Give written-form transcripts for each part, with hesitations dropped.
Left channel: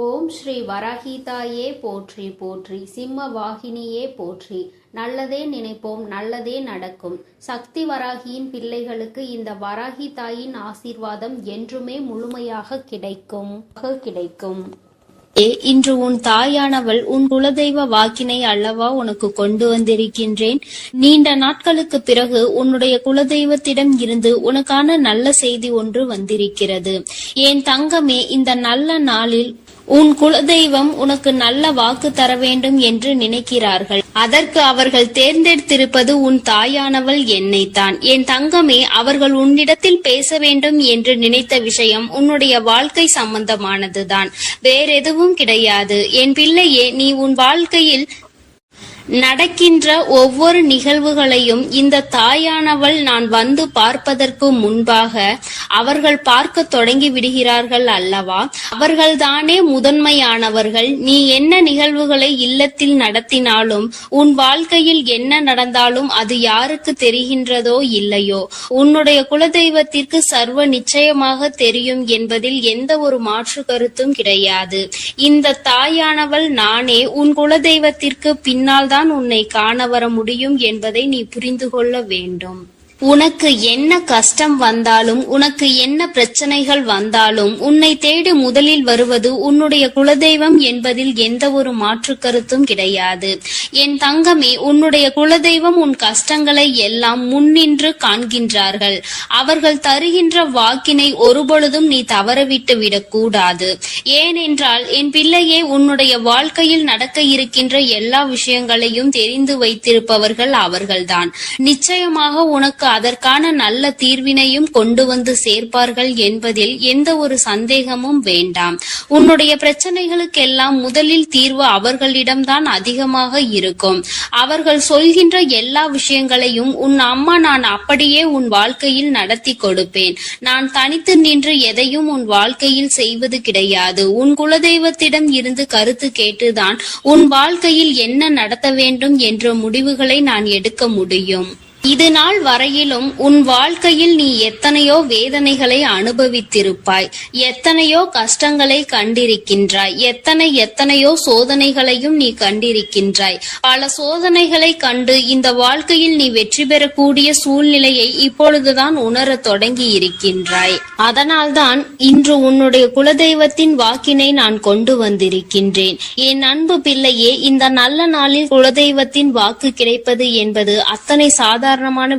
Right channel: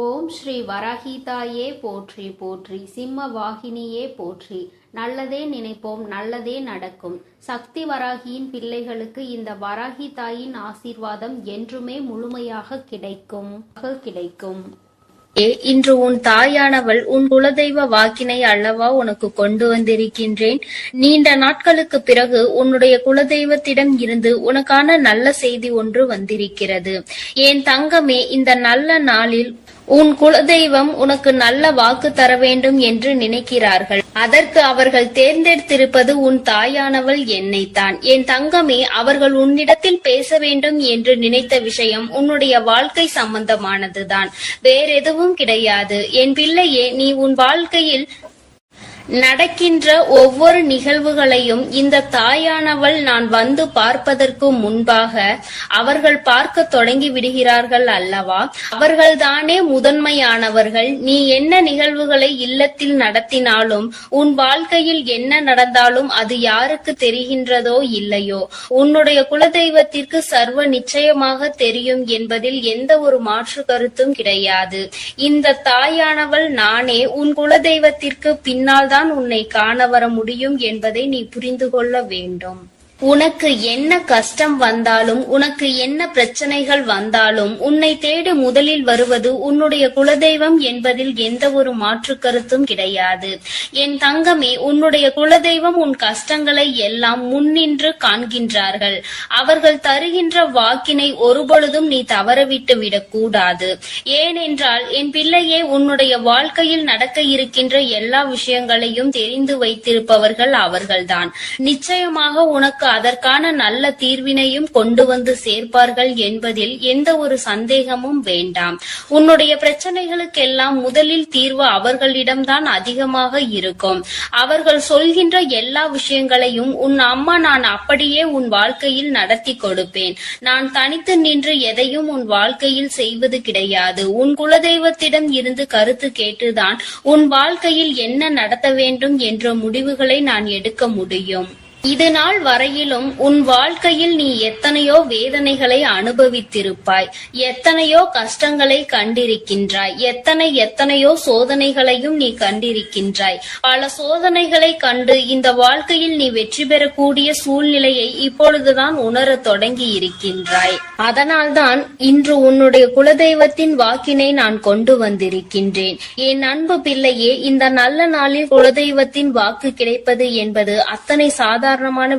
ஓம் ஸ்ரீ வராகிதாயே போற்றி போற்றி, சிம்ம வாகினியே போற்றி. நல்லதே நினைப்போம், நல்லதே நடக்கும். சக்தி வராகியின் பிள்ளைகளுக்கு இந்த வராகி தாயின் ஆசீர்வாதம் என்றுமே முழுமையாக கிடைக்கும். இன்று உன் தாயானவள் உன் குலதெய்வ வாக்கினை அல்லவா உனக்கு கொண்டு வந்திருக்கின்றேன். நீண்ட நாட்களுக்கு பிறகு உன்னுடைய குலதெய்வத்திடம் இருந்து உனக்கான நல்ல செய்தி ஒன்று வந்திருக்கிறது. என் தங்கமே, இந்த நல்ல நாளில் உன் குலதெய்வம் உனக்கு நல்ல வாக்கு தர வேண்டும் என்று நினைக்கிறார்கள். அதற்கு அவர்கள் தேர்ந்தெடுத்திருப்பது உன் தாயானவள் என்னைத்தான். என் தங்கமே, அவர்கள் உன்னிடத்தில் பேச வேண்டும் என்று நினைத்த விஷயம் உன்னுடைய வாழ்க்கை சம்பந்தமானதுதான், வேறெதுவும் கிடையாது. என் பிள்ளையே, நீ உன் வாழ்க்கையில் நடக்கின்ற ஒவ்வொரு நிகழ்வுகளையும் இந்த தாயானவள் நான் வந்து பார்ப்பதற்கு முன்பாக அவர்கள் பார்க்க தொடங்கி விடுகிறார்கள் அல்லவா? அவர்கள்தானே முதன்மையானவர்கள். நீ என்ன நிகழ்வுகளை இல்லத்தில் நடத்தினாலும், உன் வாழ்க்கையில் என்ன நடந்தாலும் அது யாருக்கு தெரிகின்றதோ இல்லையோ, உன்னுடைய குலதெய்வத்திற்கு சர்வ நிச்சயமாக தெரியும் என்பதில் எந்த ஒரு மாற்று கருத்தும் கிடையாது. இந்த தாயானவள் நானே உன் குலதெய்வத்திற்கு பின்னால் தான் உன்னை காண வர முடியும் என்பதை நீ புரிந்து கொள்ள வேண்டும். உனக்கு என்ன கஷ்டம் வந்தாலும், உனக்கு என்ன பிரச்சனைகள் வந்தாலும், உன்னை தேடி முதலில் வருவது உன்னுடைய குலதெய்வம் என்பதில் எந்த ஒரு மாற்று கருத்தும் கிடையாது. என் தங்கமே, உன்னுடைய குலதெய்வம் உன் கஷ்டங்களை எல்லாம் முன்னின்று காண்கின்றார்கள். அவர்கள் தருகின்ற வாக்கினை ஒருபொழுதும் நீ தவறவிட்டு விடக்கூடாது. ஏனென்றால் என் பிள்ளையே, உன்னுடைய வாழ்க்கையில் நடக்க இருக்கின்ற எல்லா விஷயங்களையும் தெரிந்து வைத்திருப்பவர்கள் அவர்கள்தான். நிச்சயமாக உனக்கு அதற்கான நல்ல தீர்வினையும் கொண்டு வந்து சேர்ப்பார்கள் என்பதில் எந்த ஒரு சந்தேகமும் வேண்டாம். உன்னுடைய பிரச்சனைகளுக்கெல்லாம் முதலில் தீர்வு அவர்களிடம்தான் அதிகமாக இருக்கும். அவர்கள் சொல்கின்ற எல்லா விஷயங்களையும் உன் அம்மா நான் அப்படியே உன் வாழ்க்கையில் நடத்தி கொடுப்பேன். நான் தனித்து நின்று எதையும் உன் வாழ்க்கையில் செய்வது கிடையாது. உன் குலதெய்வத்திடம் இருந்து கருத்து கேட்டுதான் உன் வாழ்க்கையில் என்ன நடத்த வேண்டும் என்ற முடிவுகளை நான் எடுக்க முடியும். இது நாள் வரையிலும் உன் வாழ்க்கையில் நீ எத்தனையோ வேதனைகளை அனுபவித்திருப்பாய், எத்தனையோ கஷ்டங்களை கண்டிருக்கின்றாய், எத்தனையோ சோதனைகளையும் நீ கண்டிருக்கின்றாய். பல சோதனைகளை கண்டு இந்த வாழ்க்கையில் நீ வெற்றி பெறக்கூடிய சூழ்நிலையை இப்பொழுதுதான் உணர தொடங்கி இருக்கின்றாய். அதனால்தான் இன்று உன்னுடைய குலதெய்வத்தின் வாக்கினை நான் கொண்டு வந்திருக்கின்றேன். என் அன்பு பிள்ளையே, இந்த நல்ல நாளில் குலதெய்வத்தின் வாக்கு கிடைப்பது என்பது அத்தனை சாதாரண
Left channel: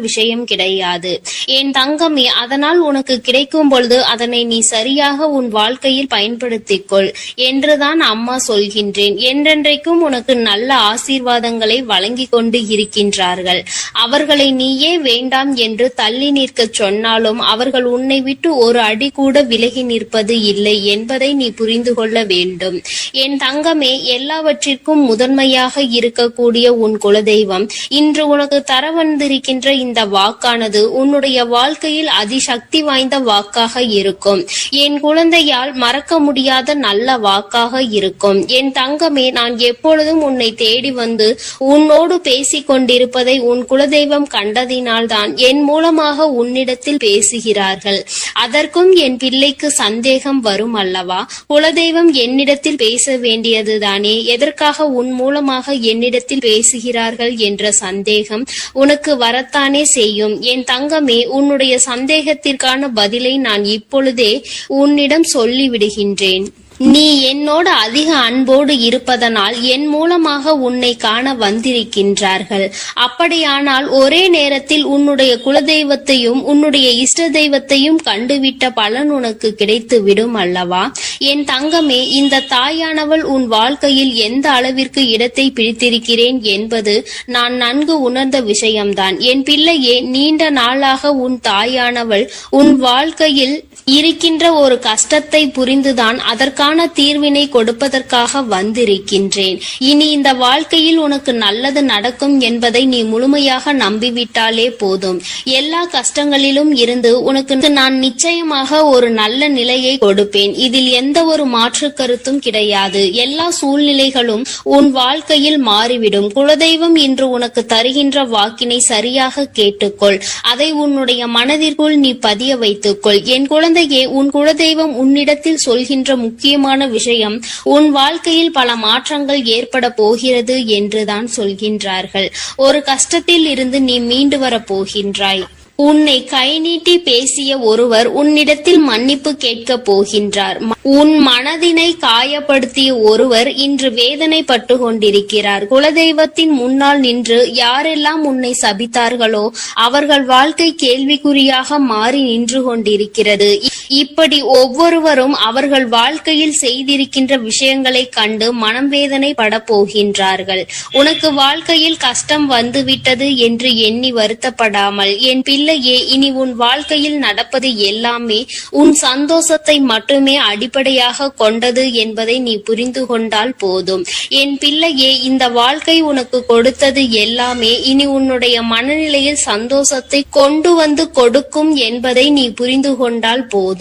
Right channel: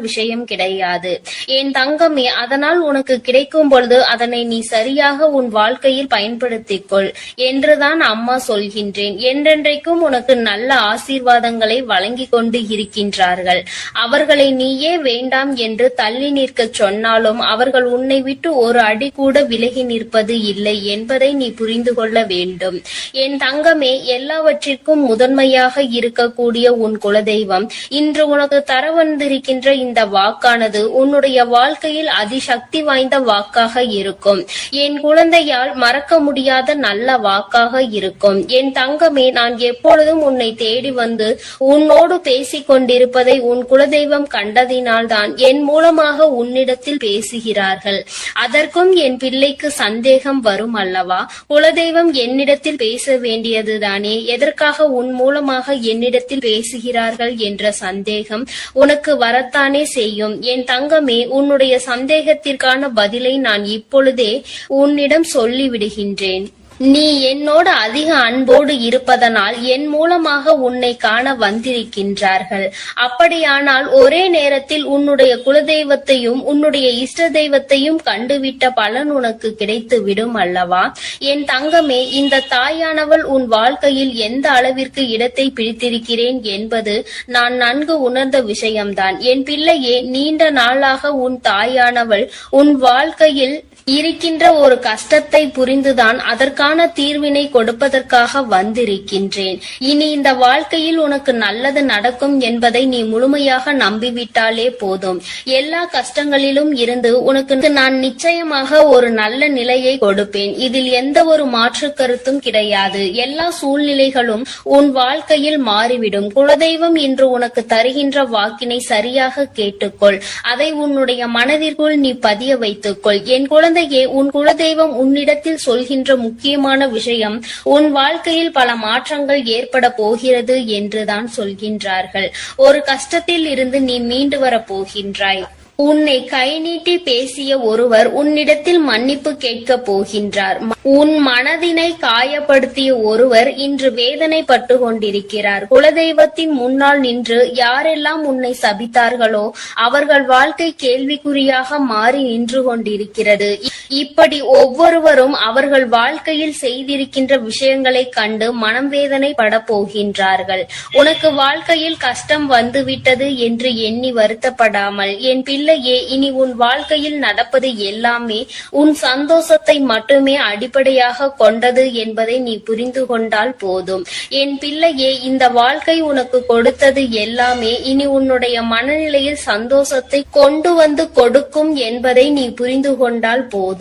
விஷயம் கிடையாது. என் தங்கமே, அதனால் உனக்கு கிடைக்கும் பொழுது அதனை நீ சரியாக உன் வாழ்க்கையில் பயன்படுத்திக் கொள் என்றுதான் அம்மா சொல்கின்றேன். என்றென்றைக்கும் உனக்கு நல்ல ஆசீர்வாதங்களை வழங்கி கொண்டு இருக்கின்றார்கள். அவர்களை நீயே வேண்டாம் என்று தள்ளி நிற்க சொன்னாலும் அவர்கள் உன்னை விட்டு ஒரு அடி கூட விலகி நிற்பது இல்லை என்பதை நீ புரிந்து கொள்ள வேண்டும். என் தங்கமே, எல்லாவற்றிற்கும் முதன்மையாக இருக்கக்கூடிய உன் குலதெய்வம் இன்று உனக்கு தர வந்திருக்கின்ற இந்த வாக்கானது உன்னுடைய வாழ்க்கையில் அதிசக்தி வாய்ந்த வாக்காக இருக்கும். என் குழந்தையால் மறக்க முடியாத நல்ல வாக்காக இருக்கும். என் தங்கமே, நான் எப்பொழுதும் உன்னை தேடி வந்து உன்னோடு பேசிக் கொண்டிருப்பதை உன் குலதெய்வம் கண்டதினால்தான் என் மூலமாக உன்னிடத்தில் பேசுகிறார்கள். அதற்கும் என் பிள்ளைக்கு சந்தேகம் வரும் அல்லவா? குலதெய்வம் என்னிடத்தில் பேச வேண்டியதுதானே, எதற்காக உன் மூலமாக என்னிடத்தில் பேசுகிறார்கள் என்ற சந்தேகம் உனக்கு வரத்தானே செய்யும். என் தங்கமே, உன்னுடைய சந்தேகத்திற்கான பதிலை நான் இப்பொழுதே உன்னிடம் சொல்லிவிடுகின்றேன். நீ என்னோடு அதிக அன்போடு இருப்பதனால் என் மூலமாக உன்னை காண வந்திருக்கின்றார்கள். அப்படியானால் ஒரே நேரத்தில் உன்னுடைய குலதெய்வத்தையும் உன்னுடைய இஷ்ட தெய்வத்தையும் கண்டுவிட்ட பலன் உனக்கு கிடைத்து விடும் அல்லவா? என் தங்கமே, இந்த தாயானவள் உன் வாழ்க்கையில் எந்த அளவிற்கு இடத்தை பிடித்திருக்கிறேன் என்பது நான் நன்கு உணர்ந்த விஷயம்தான். என் பிள்ளையே, நீண்ட நாளாக உன் தாயானவள் உன் வாழ்க்கையில் இருக்கின்ற ஒரு கஷ்டத்தை புரிந்துதான் அதற்கான தீர்வினை கொடுப்பதற்காக வந்திருக்கின்றேன். இனி இந்த வாழ்க்கையில் உனக்கு நல்லது நடக்கும் என்பதை நீ முழுமையாக நம்பிவிட்டாலே போதும். எல்லா கஷ்டங்களிலும் இருந்து உனக்கு நான் நிச்சயமாக ஒரு நல்ல நிலையை கொடுப்பேன். இதில் எந்த எந்த ஒரு மாற்று கருத்தும் கிடையாது. எல்லா சூழ்நிலைகளும் உன் வாழ்க்கையில் மாறிவிடும். குலதெய்வம் இன்று உனக்கு தருகின்ற வாக்கினை சரியாக கேட்டுக்கொள். அதை உன்னுடைய மனதிற்குள் நீ பதிய வைத்துக்கொள். என் குழந்தையே, உன் குலதெய்வம் உன்னிடத்தில் சொல்கின்ற முக்கியமான விஷயம், உன் வாழ்க்கையில் பல மாற்றங்கள் ஏற்பட போகிறது என்றுதான் சொல்கின்றார்கள். ஒரு கஷ்டத்தில் இருந்து நீ மீண்டு வர போகின்றாய். உன்னை கை நீட்டி பேசிய ஒருவர் உன்னிடத்தில் மன்னிப்பு கேட்க போகின்றார். உன் மனதினை காயப்படுத்திய ஒருவர் இன்று வேதனைப்பட்டு கொண்டிருக்கிறார். குலதெய்வத்தின் முன்னால் நின்று யாரெல்லாம் உன்னை சபித்தார்களோ அவர்கள் வாழ்க்கை கேள்விக்குறியாக மாறி நின்று கொண்டிருக்கிறது. இப்படி ஒவ்வொருவரும் அவர்கள் வாழ்க்கையில் செய்திருக்கின்ற விஷயங்களை கண்டு மனம் வேதனைப்பட போகின்றார்கள். உனக்கு வாழ்க்கையில் கஷ்டம் வந்துவிட்டது என்று எண்ணி வருத்தப்படாமல், என் பிள்ளையே, இனி உன் வாழ்க்கையில் நடப்பது எல்லாமே உன் சந்தோஷத்தை மட்டுமே அடிப்படையாக கொண்டது என்பதை நீ புரிந்து கொண்டால் போதும். என் பிள்ளையே, இந்த வாழ்க்கை உனக்கு கொடுத்தது எல்லாமே இனி உன்னுடைய மனநிலையில் சந்தோஷத்தை கொண்டு வந்து கொடுக்கும் என்பதை நீ புரிந்து கொண்டால் போதும்.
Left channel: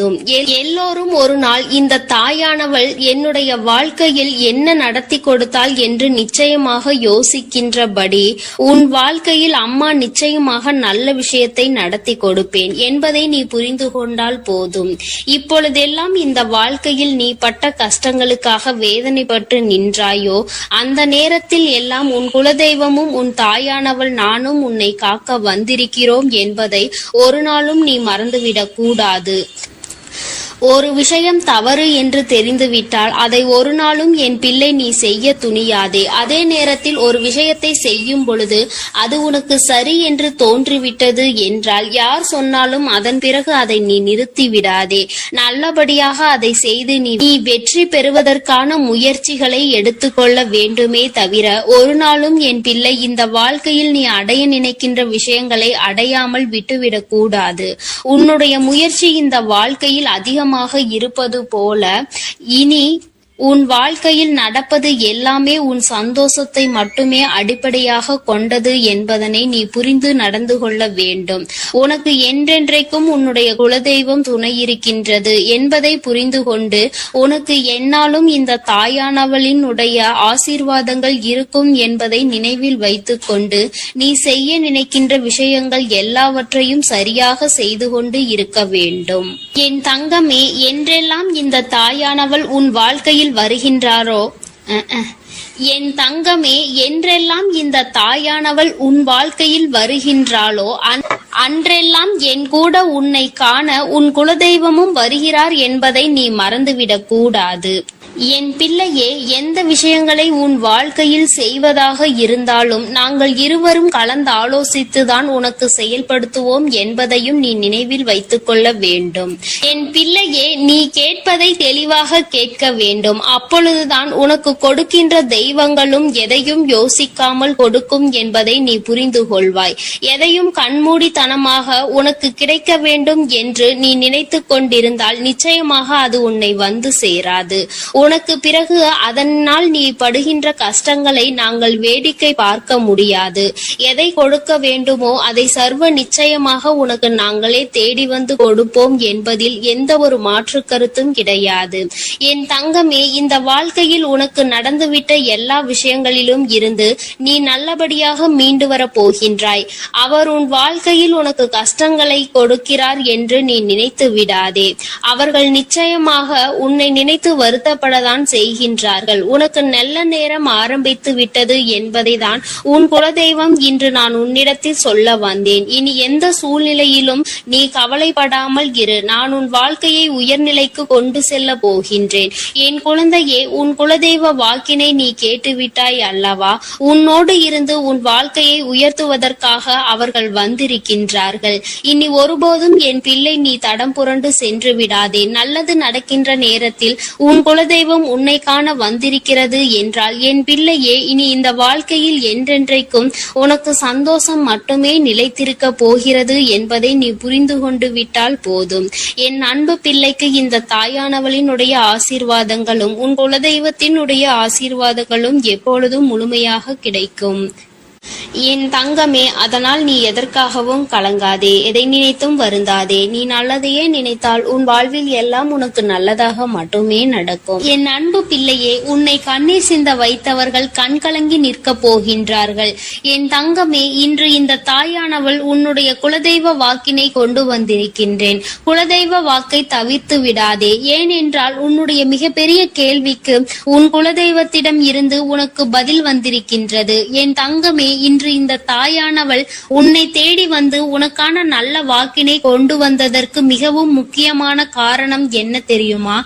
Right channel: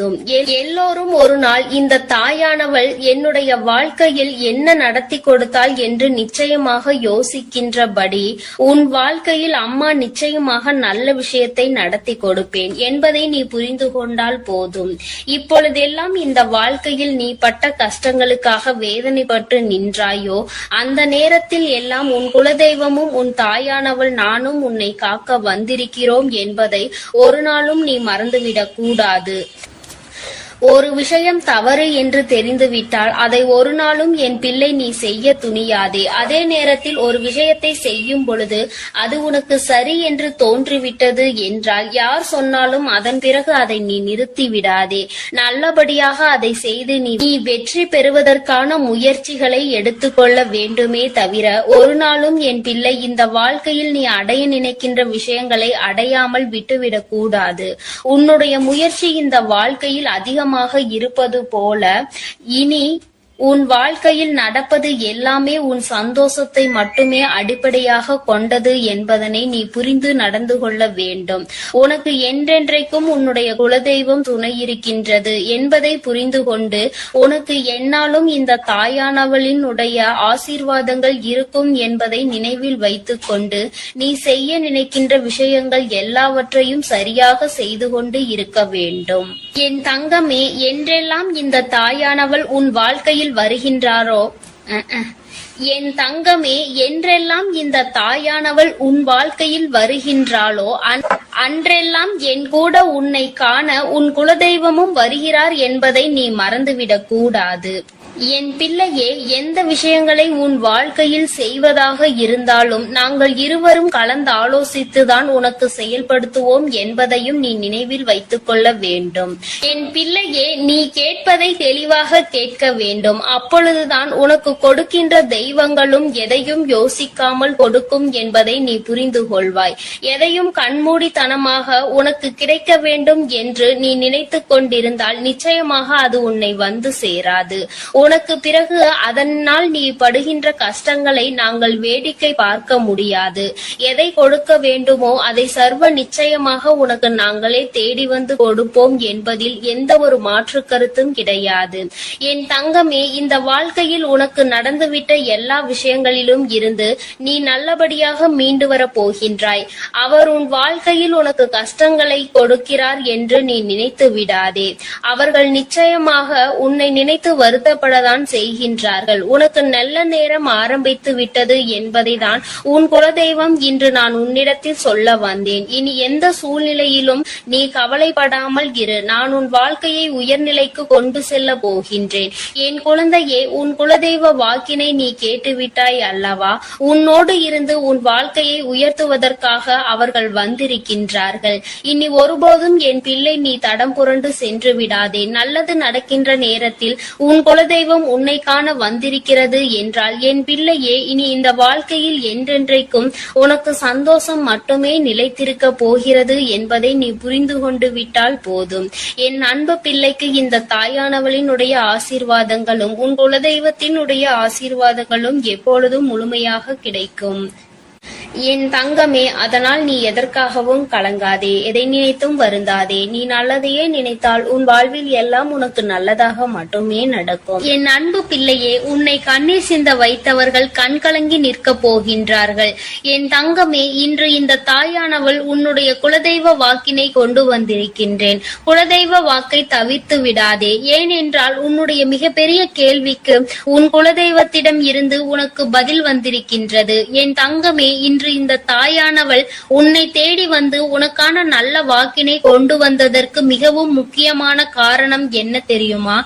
எல்லோரும் ஒரு நாள் இந்த தாயானவள் என்னுடைய வாழ்க்கையில் என்ன நடத்தி கொடுத்தாள் என்று நிச்சயமாக யோசிக்கின்றபடி உன் வாழ்க்கையில் அம்மா நிச்சயமாக நல்ல விஷயத்தை நடத்தி கொடுப்பேன் என்பதை நீ புரிந்து கொண்டால் போதும். இப்பொழுதெல்லாம் இந்த வாழ்க்கையில் நீ பட்ட கஷ்டங்களுக்காக வேதனைப்பட்டு நின்றாயோ, அந்த நேரத்தில் எல்லாம் உன் குலதெய்வமும் உன் தாயானவள் நானும் உன்னை காக்க வந்திருக்கிறோம் என்பதை ஒரு நாளும் நீ மறந்துவிடக் கூடாது. ஒரு விஷயம் தவறு என்று தெரிந்துவிட்டால் அதை ஒரு நாளும் என் பிள்ளை நீ செய்ய துணியாதே. அதே நேரத்தில் ஒரு விஷயத்தை செய்யும் பொழுது அது உனக்கு சரி என்று தோன்றிவிட்டது என்றால் யார் சொன்னாலும் அதன் பிறகு அதை நீ நிறுத்தி விடாதே. நல்லபடியாக அதை செய்து நீ வெற்றி பெறுவதற்கான முயற்சிகளை எடுத்துக்கொள்ள வேண்டுமே தவிர ஒரு நாளும் என் பிள்ளை இந்த வாழ்க்கையில் நீ அடைய நினைக்கின்ற விஷயங்களை அடையாமல் விட்டுவிடக் கூடாது. உன்னுடைய முயற்சி இந்த வாழ்க்கையில் அதிகமாக இருப்பது போல இனி உன் வாழ்க்கையில் நடப்பது எல்லாமே உன் சந்தோஷத்தை மட்டுமே அடிப்படையாக கொண்டது என்பதனை நீ புரிந்து நடந்து கொள்ள வேண்டும். உனக்கு என்றென்றைக்கும் உன்னுடைய குலதெய்வம் துணை இருக்கின்றது என்பதை புரிந்து கொண்டு உனக்கு என்னாலும் இந்த தாயானவளினுடைய ஆசீர்வாதங்கள் இருக்கும் என்பதை நினைவில் வைத்துக் கொண்டு நீ செய்ய நினைக்கின்ற விஷயங்கள் எல்லாவற்றையும் சரியாக செய்து கொண்டு இருக்க வேண்டும். என் தங்கமே, என்றெல்லாம் இந்த தாயானவள் உன் வாழ்க்கையில் வருகின்றாரோ என் தங்கமே, என்றெல்லாம் இந்த தாயானவள் உன் வாழ்க்கையில் வருகின்றாளோ அன்றெல்லாம் என் கூட உன்னை காண உன் குலதெய்வமும் வருகிறார் என்பதை நீ மறந்துவிடக் கூடாது. என் பிள்ளையே, எந்த விஷயங்களை உன் வாழ்க்கையில் செய்வதாக இருந்தாலும் நாங்கள் இருவரும் கலந்து ஆலோசித்துதான் உனக்கு செயல்படுத்துவோம் என்பதையும் நீ நினைவில் வைத்துக் கொள்ள வேண்டும். என் பிள்ளையே, நீ கேட்பதை தெளிவாக கேட்க வேண்டும். அப்பொழுதுதான் உனக்கு கொடுக்கின்ற தெய்வங்களும் எதையும் யோசிக்காமல் கொடுக்கும் என்பதை நீ புரிந்து கொள்வாய். எதையும் கண்மூடித்தனமாக உனக்கு கிடைக்க வேண்டும் என்று நீ நினைத்து கொண்டிருந்தால் நிச்சயமாக அது உன்னை வந்து சேராது. உனக்கு பிறகு அதனால் நீ படுகின்ற கஷ்டங்களை நாங்கள் வேடிக்கை பார்க்க முடியாது. எதை கொடுக்க வேண்டுமோ அதை சர்வ நிச்சயமாக உனக்கு நாங்களே தேடி வந்து கொடுப்போம் என்பதில் எந்த ஒரு மாற்று கருத்தும் கிடையாது. என் தங்கமே, இந்த வாழ்க்கையில் உனக்கு நடந்துவிட்ட எல்லா விஷயங்களிலும் இருந்து நீ நல்லபடியாக மீண்டு வர போகின்றாய். அவர் உன் வாழ்க்கையில் உனக்கு கஷ்டங்களை கொடுக்கிறார் என்று நீ நினைத்து விடாதே. அவர்கள் நிச்சயமாக உன்னை நினைத்து வருத்தப்படதான் செய்கின்றார்கள். உனக்கு நல்ல நேரம் ஆரம்பித்து விட்டது என்பதை தான் உன் குலதெய்வம் இன்று நான் உன்னிடத்தில் சொல்ல வந்தேன். இனி எந்த சூழ்நிலையிலும் நீ கவலைப்படாமல் இரு. நான் உன் வாழ்க்கையை உயர்நிலைக்கு கொண்டு செல்ல போகின்றேன். என் குழந்தையே, உன் குலதெய்வ வாக்கினை நீ கேட்டுவிட்டாய் அல்லவா? உன்னோடு இருந்து உன் வாழ்க்கையை உயர்த்துவதற்காக அவர்கள் வந்திருக்கின்றார்கள். இனி ஒருபோதும் என் பிள்ளை நீ தடம் புரண்டு சென்று விடாதே. நல்லது நடக்கின்ற நேரத்தில் உன் குலதெய்வம் உன்னை காண வந்திருக்கிறது என்றால் என் பிள்ளையே, இனி இந்த வாழ்க்கையில் என்றென்றைக்கும் உனக்கு சந்தோஷம் மட்டுமே நிலைத்திருக்க போகிறது என்பதை நீ புரிந்து கொண்டு விட்டால் போதும். என் அன்பு பிள்ளைக்கு இந்த தாயானவளினுடைய ஆசீர்வாதங்களும் உன் குலதெய்வத்தினுடைய ஆசீர்வாதங்களும் எப்பொழுதும் முழுமையாக கிடைக்கும். என் தங்கமே, அதனால் நீ எதற்காகவும் கலங்காதே, எதை நினைத்தும் வருந்தாதே. நீ நல்லதையே நினைத்தால் உன் வாழ்வில் எல்லாம் உனக்கு நல்லதாக மட்டுமே நடக்கும். என் அன்பு பிள்ளையே, உன்னை கண்ணீர் சிந்த வைத்தவர்கள் கண்கலங்கி நிற்க போகின்றார்கள். என் தங்கமே, இன்று இந்த தாயானவள் உன்னுடைய குலதெய்வ வாக்கினை கொண்டு வந்திருக்கின்றேன். குலதெய்வ வாக்கை தவிர்த்து விடாதே. ஏனென்றால் உன்னுடைய மிகப்பெரிய கேள்விக்கு உன் குலதெய்வத்திடம் இருந்து உனக்கு பதில் வந்திருக்கின்றது. என் தங்கமே, இன்று இந்த தாயானவள் உன்னை தேடி வந்து உனக்கான நல்ல வாக்கினை கொண்டு வந்ததற்கு மிகவும் முக்கியமான காரணம் என்ன தெரியுமா?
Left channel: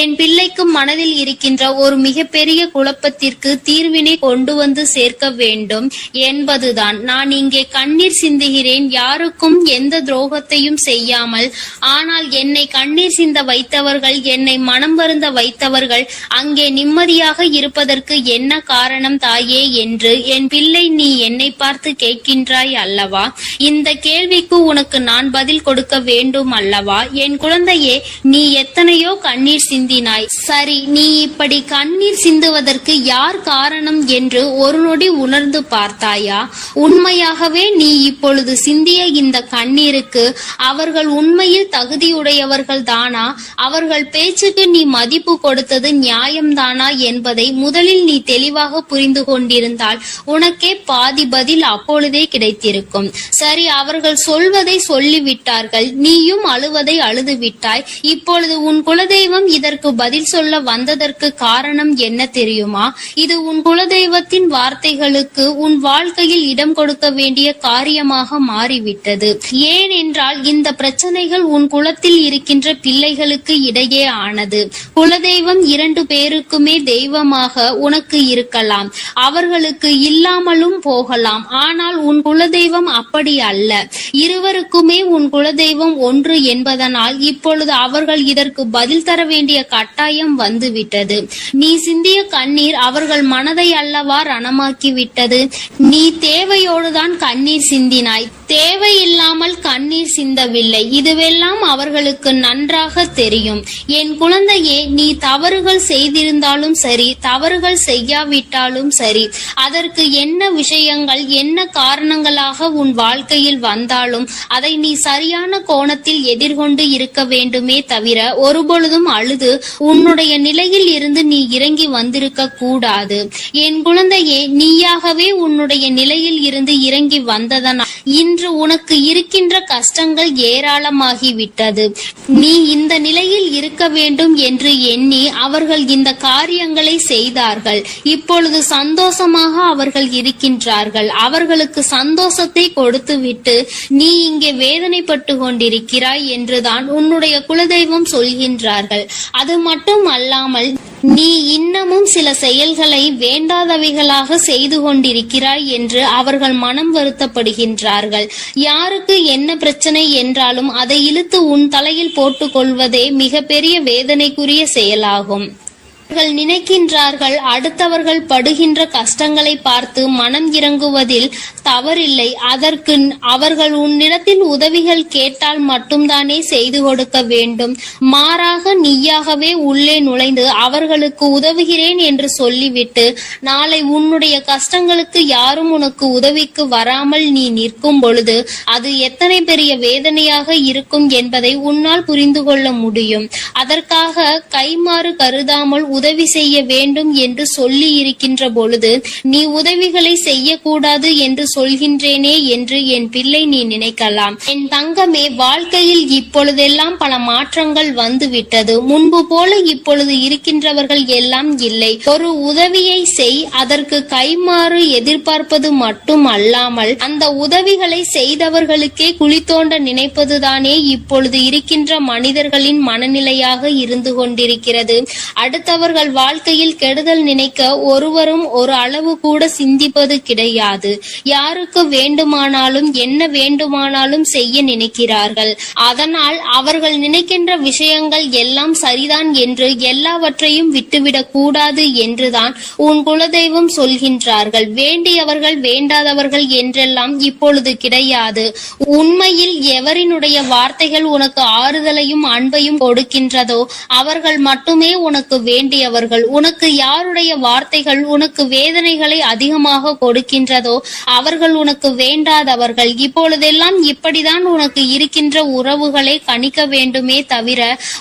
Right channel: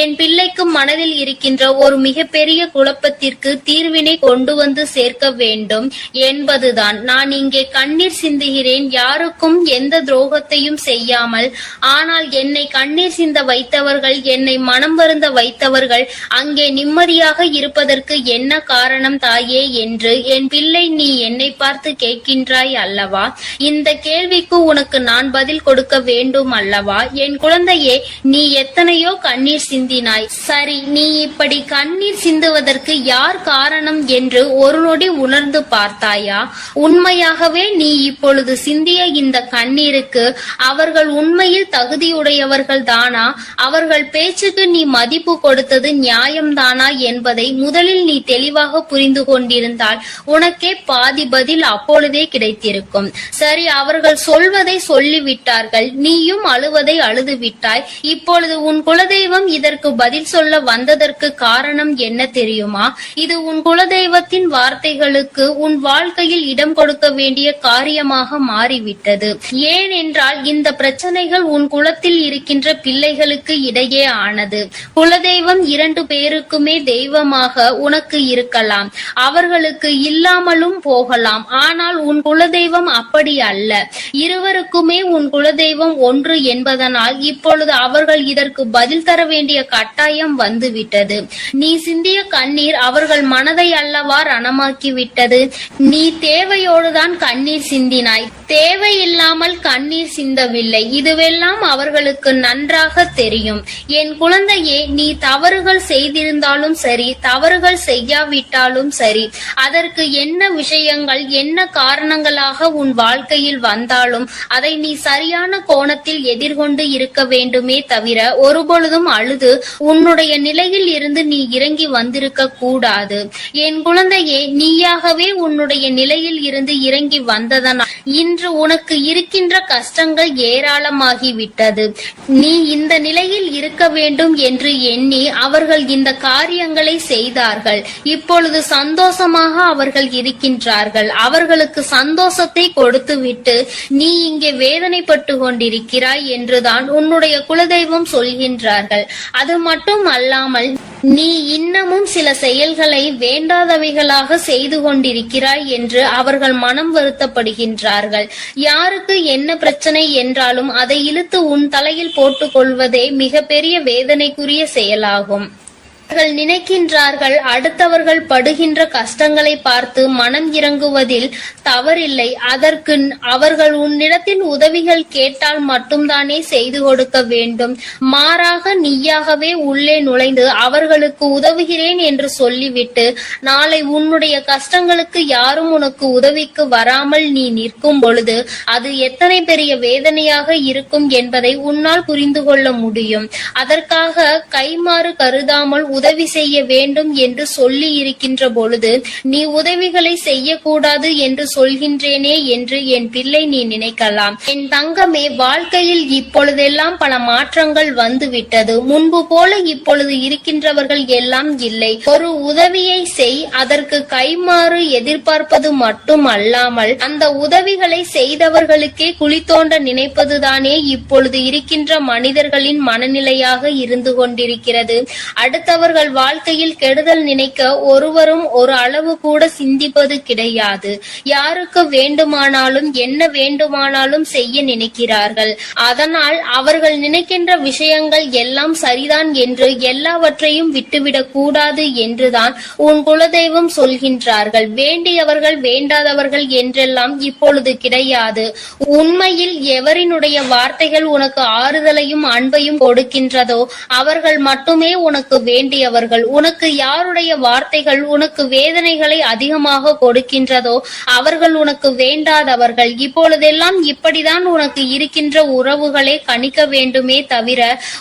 என் பிள்ளைக்கு மனதில் இருக்கின்ற ஒரு மிகப்பெரிய குழப்பத்திற்கு தீர்வினை கொண்டு வந்து சேர்க்க வேண்டும் என்பதுதான். நான் இங்கே கண்ணீர் சிந்துகிறேன், யாருக்கும் எந்த துரோகத்தையும் செய்யாமல். ஆனால் என்னை கண்ணீர் சிந்த வைத்தவர்கள், என்னை மனம் வருந்த வைத்தவர்கள் அங்கே நிம்மதியாக இருப்பதற்கு என்ன காரணம் தாயே என்று என் பிள்ளை நீ என்னை பார்த்து கேட்கின்றாய் அல்லவா? இந்த கேள்விக்கு உனக்கு நான் பதில் கொடுக்க வேண்டும் அல்லவா? என் குழந்தையே, நீ எத்தனையோ கண்ணீர் சிந்தினாய். சரி, நீ இப்படி கண்ணீர் சிந்துவதற்கு யார் காரணம் என்று ஒரு நொடி உணர்ந்து பார்த்தாயா? உண்மையாகவே நீ இப்பொழுது சிந்திய இந்த கண்ணீருக்கு அவர்கள் உண்மையில் தகுதியுடையவர்கள் தானா? அவர்கள் பேச்சுக்கு நீ மதிப்பு கொடுத்தது நியாயம்தானா என்பதை முதலில் நீ தெளிவாக புரிந்து கொண்டிருந்தால் உனக்கே பாதி பதில் அப்பொழுதே கிடைத்திருக்கும். சரி, அவர்கள் சொல்வதை சொல்லிவிட்டார்கள், நீயும் அழுவதை அழுது விட்டாய். இப்பொழுது உன் குலதெய்வம் இதற்கு பதில் சொல்ல வந்ததற்கு காரணம் என்ன தெரியுமா? இது உன் குலதெய்வத்தின் வார்த்தைகளுக்கு உன் வாழ்க்கையில் இடம் கொடுக்க வேண்டிய காரியமாக மாறிவிட்டது. ஏனென்றால் இந்த பிரச்சனைகள் உன் குலத்தில் இருக்கின்ற பிள்ளைகளுக்கு இடையே ஆனது. குலதெய்வம் 2 பேருக்குமே தெய்வமாக உனக்கு இருக்கலாம், அவர்களுக்கு இல்லாமலும் போகலாம். ஆனால் உன் குலதெய்வம் அப்படி அல்ல. இருவருக்குமே உன் குலதெய்வம் ஒன்று என்பதனால் இப்பொழுது அவர்கள் இதற்கு பதில் தர வேண்டிய கட்டாயம் வந்துவிட்டது. நீ சிந்திய கண்ணீர் அவர்கள் மனதை அல்லவா ரணமாக்கி விட்டது. நீ தேவையோடுதான் கண்ணீர் சிந்தினாய், தேவையில்லாமல் கண்ணீர் சிந்தவில்லை. இதுவெல்லாம் அவர்களுக்கு நன்றாக தெரியும். என் குழந்தையே, நீ தவறுகள் செய்திருந்தாலும் சரி, தவறுகள் செய்யாவிட்டாலும் சரி, அதற்கு என்ன விஷயங்கள் என்ன காரணங்களாக உன் வாழ்க்கையில் வந்தாலும் அதை நீ சரியான கோணத்தில் எதிர்கொண்டு இருக்க வேண்டுமே தவிர ஒருபொழுதும் அழுது உன்னுடைய நிலையில் இருந்து நீ இறங்கி வந்திருக்க கூடாது. என் குழந்தையே, நீயாகவே உன்னுடைய நிலையில் இருந்து இறங்கி வந்ததனால் இன்று உனக்கு இருக்கின்ற கஷ்டங்கள் ஏராளமாகிவிட்டது. நீ இந்த நிலையில் இருக்க வேண்டும் என்று எண்ணி அவர்கள் இந்த காரியங்களை செய்தார்கள். இப்பொழுது சந்தோஷமாக அவர்கள் இருக்கின்றார்கள். அவர்களுக்கு சந்தோஷத்தை கொடுத்துவிட்டு நீ இங்கே வேதனைப்பட்டு கொண்டிருக்கிறாய் என்றுதான் உன்னுடைய குலதெய்வம் சொல்கின்றார்கள். அது மட்டும் அல்லாமல் நீ இன்னமும் சில செயல்களை வேண்டாதவைகளாக செய்து கொண்டிருக்கிறாய் என்று அவர்கள் மனம் வருத்தப்படுகின்றார்கள். யாருக்கு என்ன பிரச்சனை என்றாலும் அதை இழுத்து உன் தலையில் போட்டுக் கொள்வதே மிகப்பெரிய வேதனைக்குரிய செயலாகும். அவர்கள் நினைக்கின்றார்கள் அடுத்தவர்கள் படுகின்ற கஷ்டங்களை பார்த்து மனம் இறங்குவதில் தவறில்லை. அதற்கு அவர்கள் உன்னிடத்தில் உதவிகள் கேட்டால் மட்டும்தானே செய்து கொடுக்க வேண்டும். மாறாக நீயாகவே உள்ளே நுழைந்து அவர்களுக்கு உதவுகிறேன் என்று சொல்லிவிட்டு நாளை உன்னுடைய கஷ்டங்களுக்கு யாரும் உனக்கு உதவிக்கு வராமல் நீ நிற்கும் பொழுது அது எத்தனை பெரிய வேதனையாக இருக்கும் என்பதை உன்னால் புரிந்து கொள்ள முடியும். அதற்காக கைமாறு கருதாமல் உதவி செய்ய வேண்டும் என்று சொல்லி இருக்கின்ற பொழுது நீ உதவிகளை செய்யக்கூடாது என்று சொல்கின்றேனே என்று என் பிள்ளை நீ நினைக்கலாம். என் தங்கமே, வாழ்க்கையில் இப்பொழுதெல்லாம் பல மாற்றங்கள் வந்துவிட்டது. முன்பு போல இப்பொழுது இருக்கின்றவர்கள் எல்லாம் இல்லை. ஒரு உதவியை செய், அதற்கு கைமாறு எதிர்பார்ப்பது மட்டும் அல்லாமல் அந்த உதவிகளை செய்தவர்களுக்கே குழி தோண்ட நினைப்பதுதானே இப்பொழுது இருக்கின்ற மனிதர்களின் மனநிலையாக இருந்து கொண்டிருக்கிறது. அடுத்தவர்கள் வாழ்க்கையில் கெடுதல் நினைக்க ஒருவரும் ஒரு அளவு கூட சிந்திப்பது கிடையாது. யாருக்கு வேண்டுமானாலும் என்ன வேண்டுமானாலும் செய்ய நினைக்கிறார்கள். அதனால் அவர்கள் நினைக்கின்ற விஷயங்கள் எல்லாம் சரிதான் என்று எல்லாவற்றையும் விட்டுவிடக் கூடாது என்றுதான் உன் குலதெய்வம் சொல்கின்றார்கள். வேண்டியவர்கள் வேண்டாதவர்கள் என்றெல்லாம் இப்பொழுது கிடையாது. உண்மையில் எவரினுடைய வார்த்தைகள் உனக்கு ஆறுதலையும் அன்பையும் கொடுக்கின்றதோ அவர்கள் மட்டுமே உனக்கு வேண்டிய வேண்டியவர்கள். உனக்கு யாருடைய வார்த்தைகள் உனக்கு வேதனைகளை அதிகமாக கொடுக்கின்றதோ அவர்கள் உனக்கு வேண்டாதவர்கள். இப்பொழுதெல்லாம் இப்படிதான் உனக்கு இருக்கின்ற உறவுகளை கணிக்க வேண்டுமே தவிர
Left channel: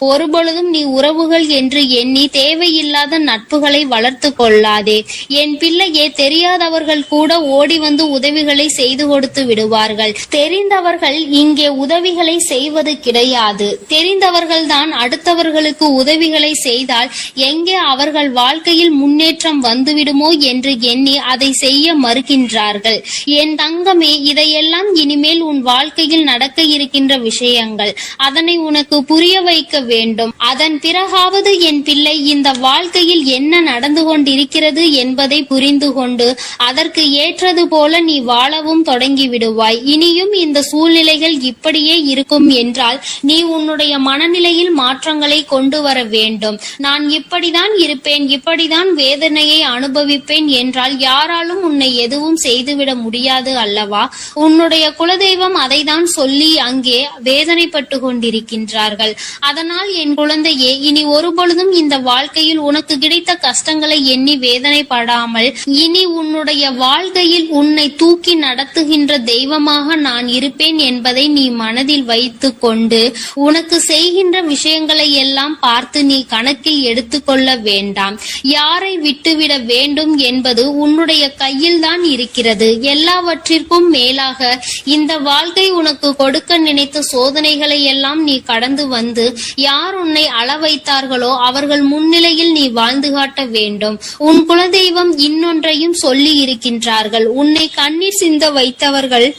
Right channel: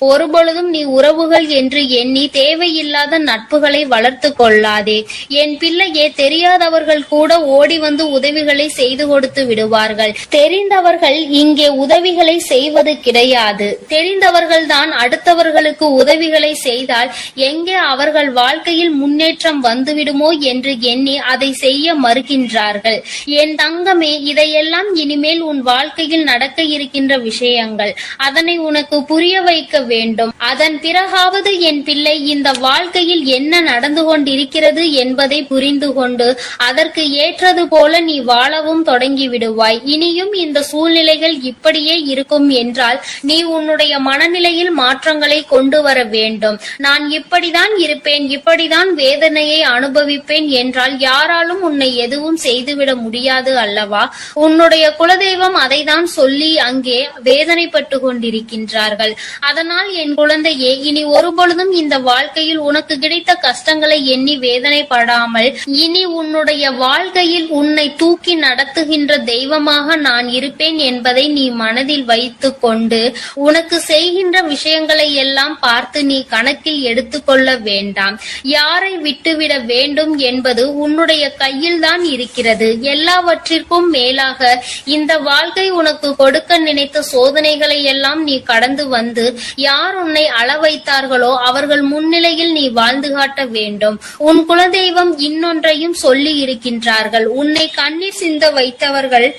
ஒருபொழுதும் நீ உறவுகள் என்று எண்ணி தேவையில்லாத நட்புகளை வளர்த்து கொள்ளாதே. என் பிள்ளையே, தெரியாதவர்கள் கூட ஓடி வந்து உதவிகளை செய்து கொடுத்து விடுவார்கள். தெரிந்தவர்கள் இங்கே உதவிகளை செய்வது கிடையாது. தெரிந்தவர்கள் தான் அடுத்தவர்களுக்கு உதவிகளை செய்தால் எங்கே அவர்கள் வாழ்க்கையில் முன்னேற்றம் வந்துவிடுமோ என்று எண்ணி அதை செய்ய மறுக்கின்றார்கள். என் தங்கமே, இதையெல்லாம் இனிமேல் உன் வாழ்க்கையில் நடக்க இருக்கின்ற விஷயங்கள். அதனை உனக்கு புரிய வைக்க வேண்டும். அதன் பிறகாவது என் பிள்ளை இந்த வாழ்க்கையில் என்ன நடந்து கொண்டிருக்கிறது என்பதை புரிந்து கொண்டு அதற்கு ஏற்றது போல நீ வாழவும் தொடங்கி விடுவாய். இனியும் இந்த சூழ்நிலைகள் இப்படியே இருக்கும் என்றால் நீ உன்னுடைய மனநிலையில் மாற்றங்களை கொண்டு வர வேண்டும். நான் இப்படிதான் இருப்பேன், இப்படிதான் வேதனையை அனுபவிப்பேன் என்றால் யாராலும் உன்னை எதுவும் செய்துவிட முடியாது அல்லவா? உன்னுடைய குலதெய்வம் அதை தான் சொல்லி அங்கே வேதனைப்பட்டு கொண்டிருக்கின்றார்கள். அதனால் என் குழந்தையே, இனி ஒருபொழுதும் இந்த வாழ்க்கையில் உனக்கு கிடைத்த கஷ்டங்களை எண்ணி வேதனைப்படாமல் இனி உன்னுடைய வாழ்க்கையில் உன்னை தூக்கி நடத்துகின்ற தெய்வமாக நான் இருப்பேன் என்பதை நீ மனதில் வைத்து கொண்டு உனக்கு செய்கின்ற விஷயங்களை எல்லாம் பார்த்து நீ கணக்கில் எடுத்துக்கொள்ள வேண்டாம். யாரை விட்டுவிட வேண்டும் என்பது உன்னுடைய கையில் தான் இருக்கிறது. எல்லாவற்றிற்கும் மேலாக இந்த வாழ்க்கை உனக்கு கொடுக்க நினைத்த சோதனைகளை எல்லாம் நீ கடந்து வந்து யார் உன்னை அள வைத்தார்களோ அவர்கள் முன்னிலையில் நீ வாழ்ந்து காட்ட வேண்டும். உன் குலதெய்வம் இன்னொன்றையும் சொல்லி இருக்கின்றார்கள். உன்னை கண்ணீர் சிந்த வைத்தவர்கள்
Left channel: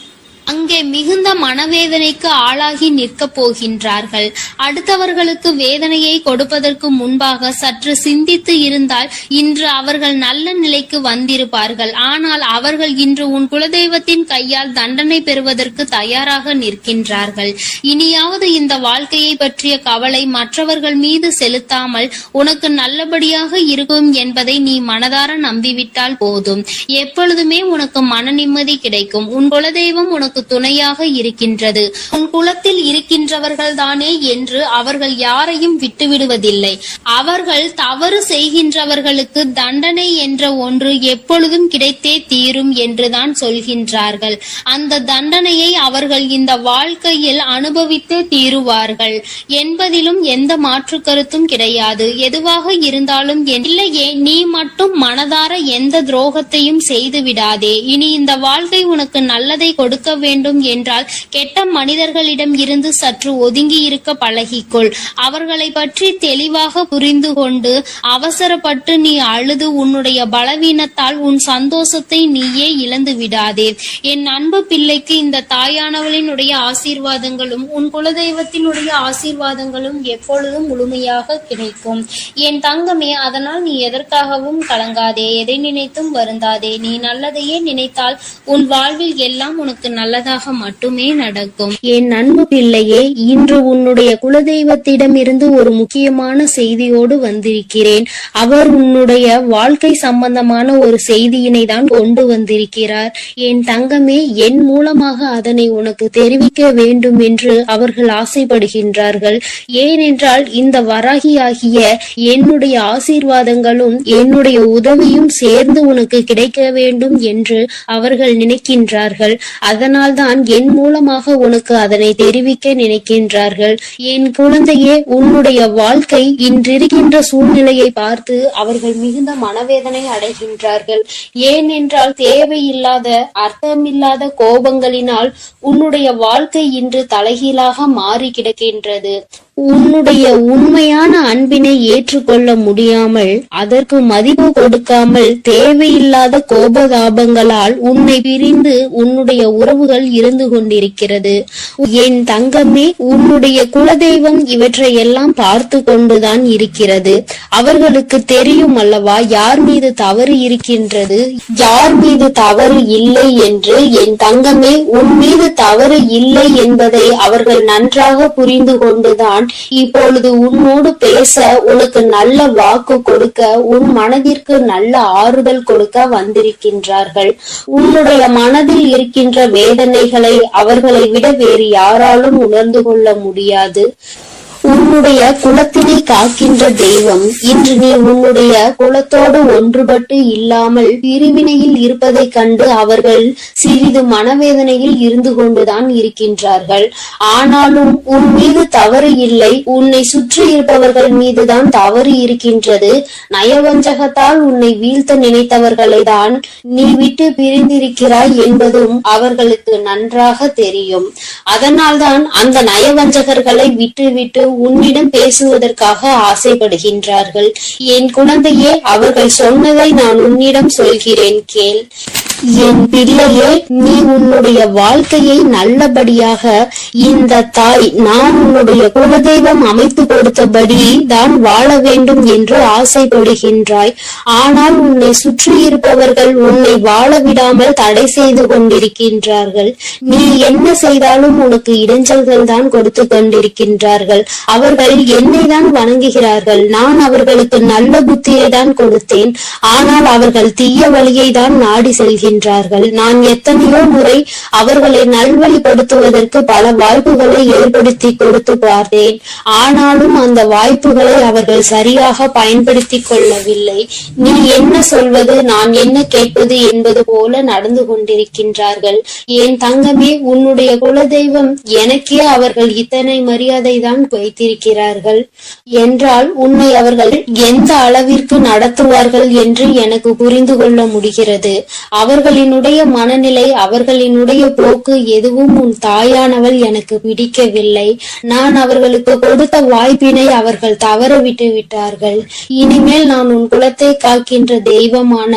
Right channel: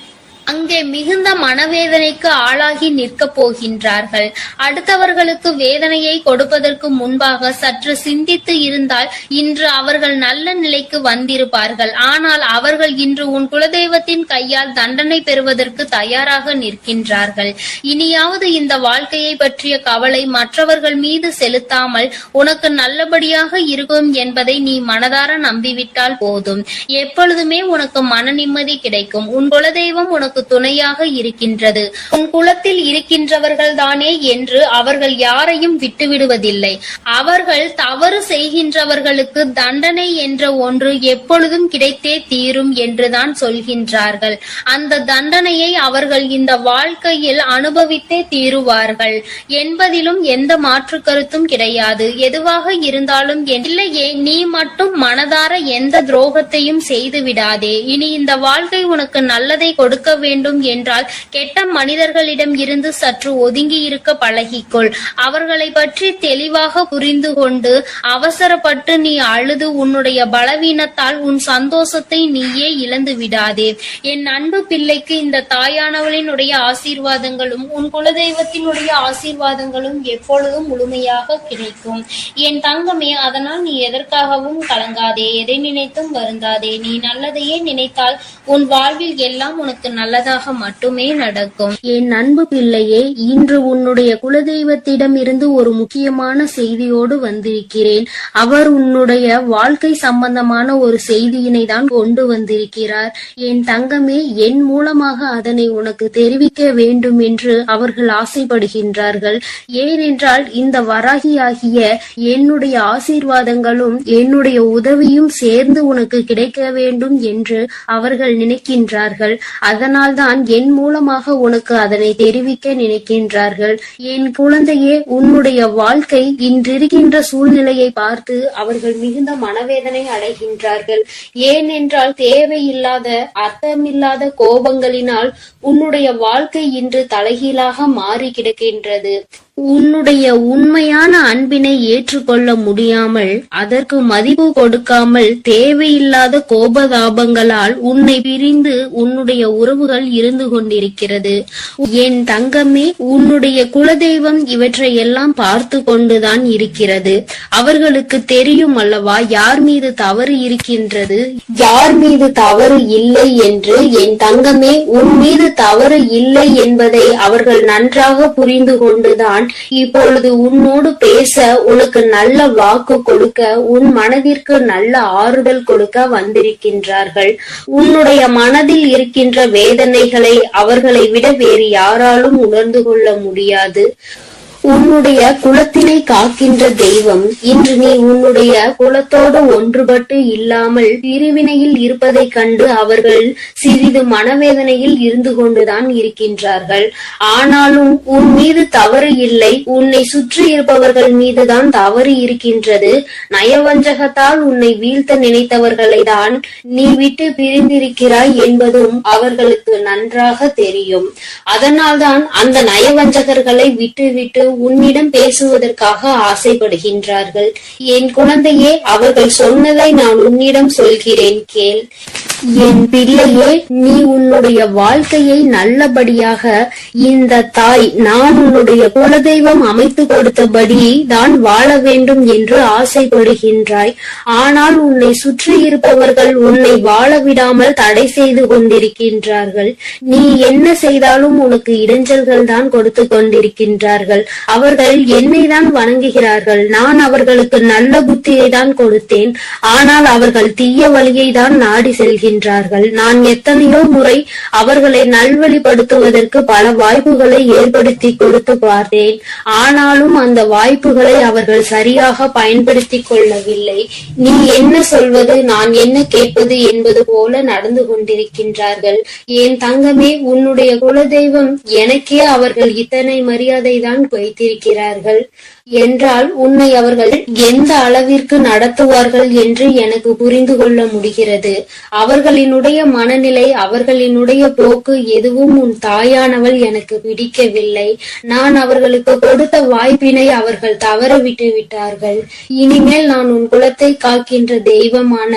அங்கே மிகுந்த மனவேதனைக்கு ஆளாகி நிற்க போகின்றார்கள். அடுத்தவர்களுக்கு வேதனையை கொடுப்பதற்கு முன்பாக சற்று சிந்தித்து இருந்தால் இன்று அவர்கள் நல்ல நிலைக்கு வந்திருப்பார்கள். ஆனால் அவர்கள் இன்று உன் குலதெய்வத்தின் கையால் தண்டனை பெறுவதற்கு தயாராக நிற்கின்றார்கள். இனியாவது இந்த வாழ்க்கையை பற்றிய கவலை மற்றவர்கள் மீது செலுத்தாமல் உனக்கு நல்லபடியாக இருக்கும் என்பதை நீ மனதார நம்பிவிட்டால் போதும். எப்பொழுதுமே உனக்கு மன நிம்மதி கிடைக்கும். உன் குலதெய்வம் உனக்கு துணையாக இருக்கின்றது. உன் குலத்தில் இருக்கின்றவர்கள் தானே என்று அவர்கள் யாரையும் விட்டுவிடுவதில்லை. அவர்கள் தவறு செய்கின்றவர்களுக்கு தண்டனை என்ற ஒன்று எப்பொழுதும் கிடைத்தே தீரும் என்றுதான் சொல்கின்றார்கள். அந்த தண்டனையை அவர்கள் இந்த வாழ்க்கையில் அனுபவித்தே தீருவார்கள் என்பதிலும் எந்த மாற்று கருத்தும் கிடையாது. எதுவாக இருந்தாலும் இல்லையே, நீ மட்டும் மனதார எந்த துரோகத்தையும் செய்து விடாதே. இனி இந்த வாழ்க்கை உனக்கு நல்லதை கொடுக்க வேண்டும் என்றால் கெட்ட மனிதர்களிடம் இருந்து சற்று ஒதுங்கி இருக்க பழகிக்கொள். அவர்களை பற்றி தெளிவாக புரிந்து கொண்டு அவசரப்பட்டு நீ அழுது உன்னுடைய பலவீனத்தால் உன் சந்தோஷத்தை நீயே இழந்து விடாதே. என் அன்பு பிள்ளைக்கு இந்த தாயானவளினுடைய ஆசீர்வாதங்களும் உன் குலதெய்வத்தினுடைய ஆசீர்வாதங்களும் எப்பொழுதும் முழுமையாக கிடைக்கும். என் தங்கமே, அதனால் நீ எதற்காகவும் கலங்காதே, எதை நினைத்தும் வருந்தாதே. நீ நல்லதையே நினைத்தால் உன் வாழ்வில் எல்லாம் உனக்கு நல்லதாக மட்டுமே நடக்கும். என் அன்பு பிள்ளையே, இன்று உன்னுடைய குலதெய்வத்திடம் இருந்து ஒரு முக்கியமான செய்தியோடு வந்திருக்கிறேன். அவர் உன்னுடைய வாழ்க்கை சம்பந்தமான ஒரு செய்தியினை தான் கொண்டு வந்திருக்கிறார். என் தங்கமே, என் மூலமாக அதனை உனக்கு தெரிவிக்க வேண்டும் என்று அவர்கள் ஆசைப்படுகின்றார்கள். ஏனென்றால் இந்த வராகியாகிய என்னுடைய ஆசீர்வாதங்களும் என்னுடைய உதவியும் சேர்ந்து உனக்கு கிடைக்க வேண்டும் என்று அவர்கள் நினைக்கின்றார்கள். அதனால்தான் என் மூலமாக உனக்கு அதனை தெரிவிக்க நினைக்கின்றார்கள். என் குழந்தையே, உன்னுடைய வாழ்க்கை இன்றிருக்கின்ற சூழ்நிலையை பார்த்து அவர்கள் மிகுந்த மனவேதனை அடைகின்றார்கள். ஏனென்றால் தேவையில்லாத அர்த்தமில்லாத கோபங்களினால் உன்னுடைய வாழ்க்கை இன்று தலைகீழாக மாறி கிடக்கின்றது. உன்னுடைய உண்மையான அன்பினை ஏற்றுக்கொள்ள முடியாமல் அதற்கு மதிப்பு கொடுக்காமல் தேவையில்லாத கோபதாபங்களால் உன்னை பிரிந்து உன்னுடைய உறவுகள் இருந்து கொண்டிருக்கிறது. என் தங்கமே, உன்னுடைய குலதெய்வம் இவற்றை எல்லாம் பார்த்து கொண்டுதான் இருக்கிறது. அவர்களுக்கு தெரியும் அல்லவா யார் மீது தவறு இருக்கின்றது, யார் மீது தவறு இல்லை என்று. என் தங்கமே, உன் மீது தவறு இல்லை என்பதை அவர்கள் நன்றாக புரிந்து கொண்டுதான் இப்பொழுது உன்னோடு பேச, உனக்கு நல்ல வாக்கு கொடுக்க, உன் மனதிற்கு நல்ல ஆறுதல் கொடுக்க வந்திருக்கின்றார்கள். உன்னுடைய மனதில் இருக்கின்ற வேதனைகளை அவர்களை விட வேறு யாராலும் உணர்ந்து கொள்ள முடியாது. உன்னுடைய குலத்தினை காக்கின்ற தெய்வம் இன்று நீ உன்னுடைய குலத்தோடு ஒன்றுபட்டு இல்லாமல் பிரிவினையில் இருப்பதைக் கண்டு அவர்கள் சிறிது மனவேதனையில் இருந்து கொண்டுதான் இருக்கின்றார்கள். ஆனாலும் உன் மீது தவறு இல்லை, உன்னை சுற்றி இருப்பவர்கள் மீதுதான் தவறு இருக்கின்றது. நயவஞ்சகத்தால் உன்னை வீழ்த்த நினைத்தவர்களை தான் நீ விட்டு பிரிந்திருக்கிறாய் என்பதும் அவர்களுக்கு நன்றாக தெரியும். அதனால்தான் அந்த நயவஞ்சகர்களை விட்டுவிட்டு உன்னிடம் பேசுவதற்காக ஆசைப்படுகின்றார்கள். என் குழந்தையே, அவர்கள் சொன்னதை நான் உன்னிடம் சொல்கிறேன், கேள். என் பிள்ளையே, நீ உன்னுடைய வாழ்க்கையை நல்லபடியாக இந்த தாய் நான் உன்னுடைய குலதெய்வம் அமைத்து கொடுத்தபடி தான் வாழ வேண்டும் என்று ஆசைப்படுகின்றாய். ஆனால் உன்னை சுற்றி இருப்பவர்கள் உன்னை வாழ விடாமல் தடை செய்து கொண்டிருக்கின்றார்கள். நீ என்ன செய்தாலும் உனக்கு இடைஞ்சல்கள் தான் கொடுத்து கொண்டிருக்கின்றார்கள். அவர்கள் என்னை தான் வணங்குகிறார்கள். நான் அவர்களுக்கு நல்ல புத்தியை தான் கொடுத்தேன். ஆனால் அவர்கள் தீய வழியை தான் நாடி செல்கின்றார்கள். நான் எத்தனையோ முறை அவர்களை நல்வழிப்படுத்துவதற்கு பல வாய்ப்புகளை ஏற்படுத்தி கொடுத்து பார்த்தேன். ஆனாலும் அந்த வாய்ப்புகளை அவர்கள் சரியாக பயன்படுத்தி கொள்ளவில்லை. நீ என்ன சொல்வது, நான் என்ன கேட்பது என்பது போல நடந்து கொண்டிருக்கின்றார்கள். என் தங்கமே, உன்னுடைய குலதெய்வம் எனக்கே அவர்கள் இத்தனை மரியாதை தான் வைத்திருக்கிறார்கள் என்றால் உன்னை அவர்கள் எந்த அளவிற்கு நடத்துவார்கள் என்று எனக்கு புரிந்து கொள்ள முடிகிறது. அவர்களினுடைய மனநிலை, அவர்களினுடைய போக்கு எதுவும் உன் தாயானவள் எனக்கு பிடிக்கவில்லை. நான் அவர்களுக்கு கொடுத்த வாய்ப்பினை அவர்கள் தவற விட்டு விட்டார்கள். இனிமேல் நான் உன் குலத்தை காக்கின்ற தெய்வமான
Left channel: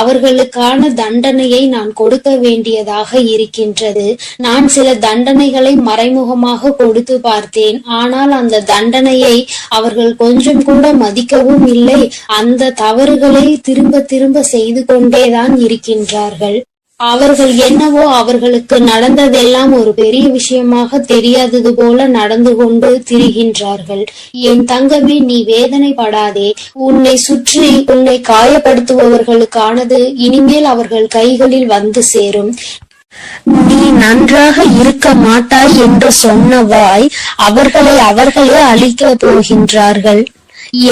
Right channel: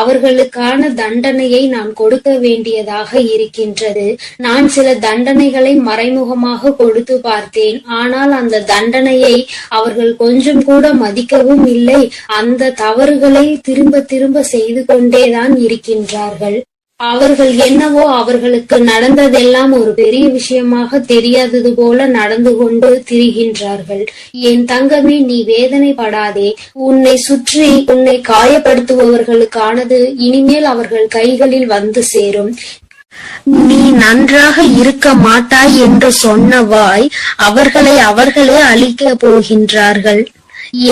அவர்களுக்கான தண்டனையை நான் கொடுக்க வேண்டியதாக இருக்கின்றது. நான் சில தண்டனைகளை மறைமுகமாக கொடுத்து பார்த்தேன். ஆனால் அந்த தண்டனையை அவர்கள் கொஞ்சம் கூட மதிக்கவும் இல்லை. அந்த தவறுகளை திரும்ப திரும்ப செய்து கொண்டேதான் இருக்கின்றார்கள். அவர்கள் என்னவோ அவர்களுக்கு நடந்ததெல்லாம் ஒரு பெரிய விஷயமாக தெரியாதது போல நடந்து கொண்டு திரிகின்றார்கள். என் தங்கமே, நீ வேதனைப்படாதே. உன்னை சுற்றி உன்னை காயப்படுத்துபவர்களுக்கானது இனிமேல் அவர்கள் கைகளில் வந்து சேரும். நீ நன்றாக இருக்க மாட்டாய் என்று சொன்ன வாய் அவர்களே அழிக்க போகின்றார்கள்.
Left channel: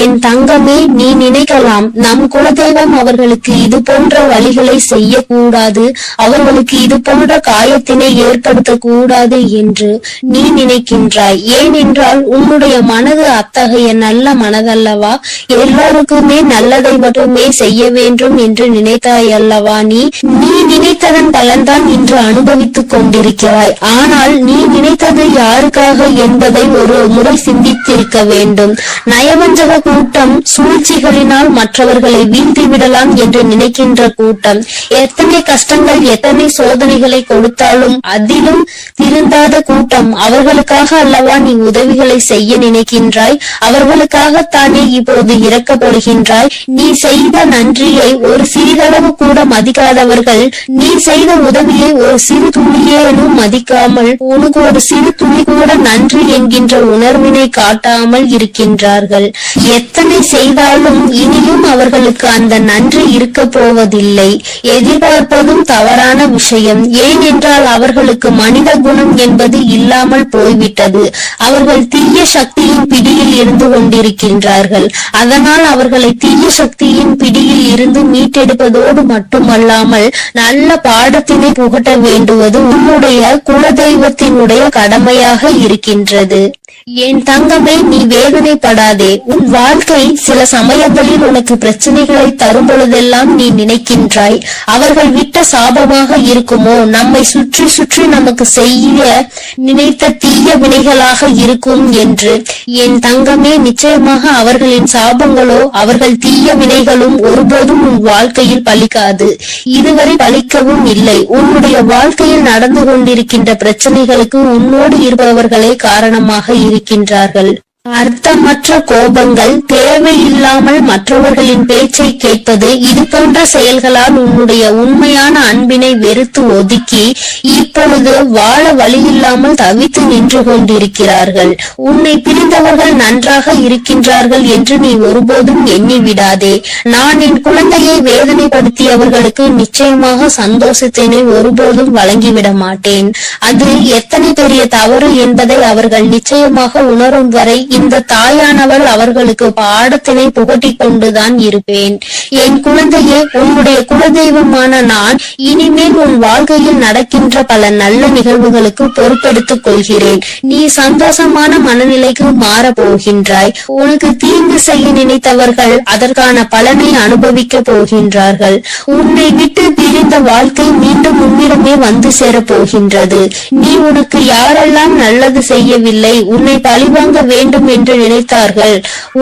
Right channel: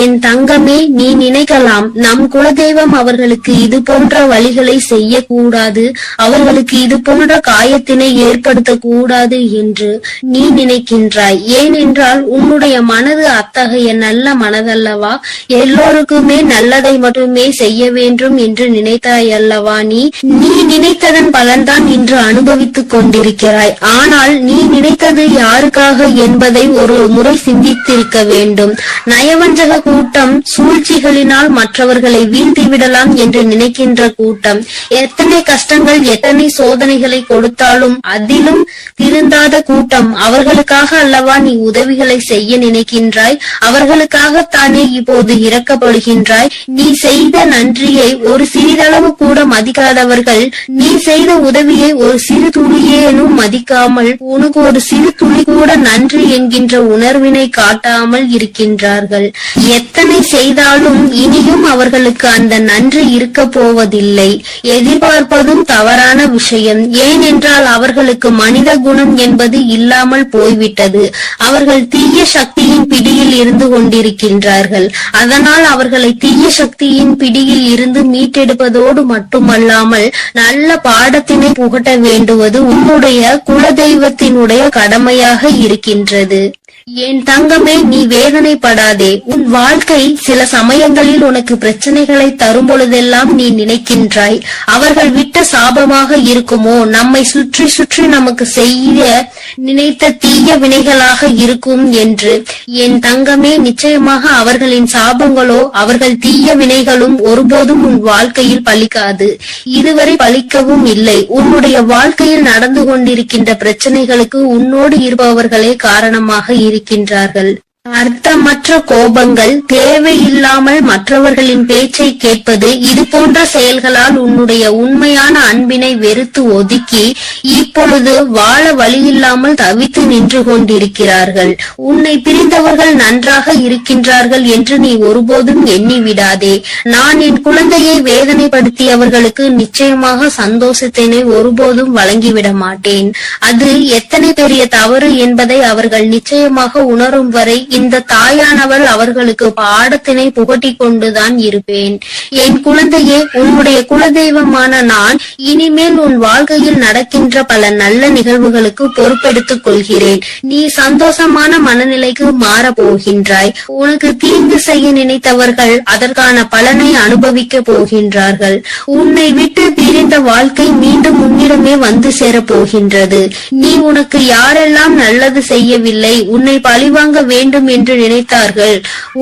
என் தங்கமே, நீ நினைக்கலாம் நம் குலதெய்வம் அவர்களுக்கு இது போன்ற வழிகளை செய்யக்கூடாது, அவர்களுக்கு இது போன்ற காயத்தினை ஏற்படுத்த கூடாது என்று நீ நினைக்கின்றாய். ஏனென்றால் உன்னுடைய மனது அத்தகைய நல்ல மனதல்லவா? எல்லோருக்குமே நல்லதை மட்டுமே செய்ய வேண்டும் என்று நினைத்தாய் அல்லவா? நீ நினைத்ததன் பலன்தான் இன்று அனுபவித்துக் கொண்டிருக்கிறாய். ஆனால் நீ நினைத்தது யாருக்காக என்பதை ஒரு முறை சிந்தித்திருக்க வேண்டும். நயவஞ்சக கூட்டம் சூழ்ச்சிகளினால் மற்றவர்களை வீழ்த்தி விடலாம் என்று நினைக்கின்ற கூட்டம் எத்தனை கஷ்டங்கள் எத்தனை சோதனைகளை கொடுத்தாலும் அதிலும் திருந்தாத கூட்டம். அவர்களுக்காக அல்லவா நீ உதவிகளை செய்ய நினைக்கின்றாய்? அவர்களுக்காகத்தானே இப்போது இறக்கப்படுகின்றாய்? நீ செய்த நன்றியை ஒரு சிறிதளவு கூட மதிக்காதவர்கள் நீ செய்த உதவியை ஒரு சிறு துளியேனும் மதிக்காமல் உனக்கு ஒரு சிறு துளி கூட நன்றி என்கின்ற உணர்வினை காட்டாமல் இருக்கின்றார்கள். எத்தனை செய்தாலும் இனியும் அவர்களுக்கு அந்த நன்றி இருக்க போவதில்லை. எதிர்பார்ப்பதும் தவறான விஷயம். ஏனென்றால் அவர்களுக்கு மனித குணம் என்பது இல்லாமல் போய்விட்டது. அவர்கள் தீய சக்தியின் பிடியில் இருந்து கொண்டிருக்கின்றார்கள். அதனால் அவர்களை தீய சக்தியின் பிடியில் இருந்து மீட்டெடுப்பதோடு மட்டுமல்லாமல் நல்ல பாடத்தினை புகட்ட வேண்டுவது உன்னுடைய குலதெய்வத்தினுடைய கடமையாக இருக்கின்றது. என் தங்கமே, நீ வேதனைப்படாதே. உன் வாழ்க்கை சில சமயங்களில் உனக்கு பிரச்சனைகளை தரும் பொழுதெல்லாம் நீ நினைக்கின்றாய், அவர்கள் விட்ட சாபமாக இருக்குமோ, நம்மை சுற்றி சுற்றி நமக்கு செய்ய நினைத்த தீய வினைகளாக இருக்கும் என்று. என் தங்கமே, நிச்சயமாக அவர்களின் சாபங்களோ அவர்கள் தீய வினைகளும் ஒருபோதும் உன் வாழ்க்கையில் பலிக்காது. இதுவரை பலிக்கவும் இல்லை. உன்னுடைய வாழ்க்கையில் நடந்து கொண்டிருக்கின்ற பிரச்சனைகளுக்கு உன்னோடு இருப்பவர்களே காரணமாக இருக்கின்றார்கள். அர்த்தமற்ற கோபங்கள், தேவையில்லாமல் மற்றவர்களின் பேச்சை கேட்பது, இது போன்ற செயல்களால் உன்னுடைய உண்மையான அன்பினை வெறுத்து ஒதுக்கி இப்பொழுது வாழ வழியில்லாமல் தவித்து நின்று கொண்டிருக்கிறார்கள். உன்னை பிரிந்தவர்கள் நன்றாக இருக்கின்றார்கள் என்று நீ ஒருபோதும் எண்ணி விடாதே. நான் என் குழந்தையை வேதனைப்படுத்தியவர்களுக்கு நிச்சயமாக சந்தோஷத்தினை ஒருபோதும் வழங்கிவிட மாட்டேன். அது எத்தனை பெரிய தவறு என்பதை அவர்கள் நிச்சயமாக உணரும் வரை இந்த தாயானவள் அவர்களுக்கு பாடத்தினை புகட்டி கொண்டுதான் இருப்பேன். என் குழந்தையே, உன்னுடைய குலதெய்வமான நான் இனிமேல் உன் வாழ்க்கையில் நடக்கின்ற பல நல்ல நிகழ்வுகளுக்கு பொறுப்பெடுத்துக் கொள்கிறேன். நீ சந்தோஷமான மனநிலைக்கு மாற போகின்றாய். உனக்கு தீங்கு செய்ய நினைத்தவர்கள் அதற்கான பலனை அனுபவிக்க போகின்றார்கள். உன்னை விட்டு பிரிந்த வாழ்க்கை மீண்டும் உன்னிடமே வந்து சேரப் போகின்றது. நீ உனக்கு யாரெல்லாம் நல்லது செய்யவில்லை, உன்னை பழிவாங்க வேண்டும் என்று நினைத்தார்கள்,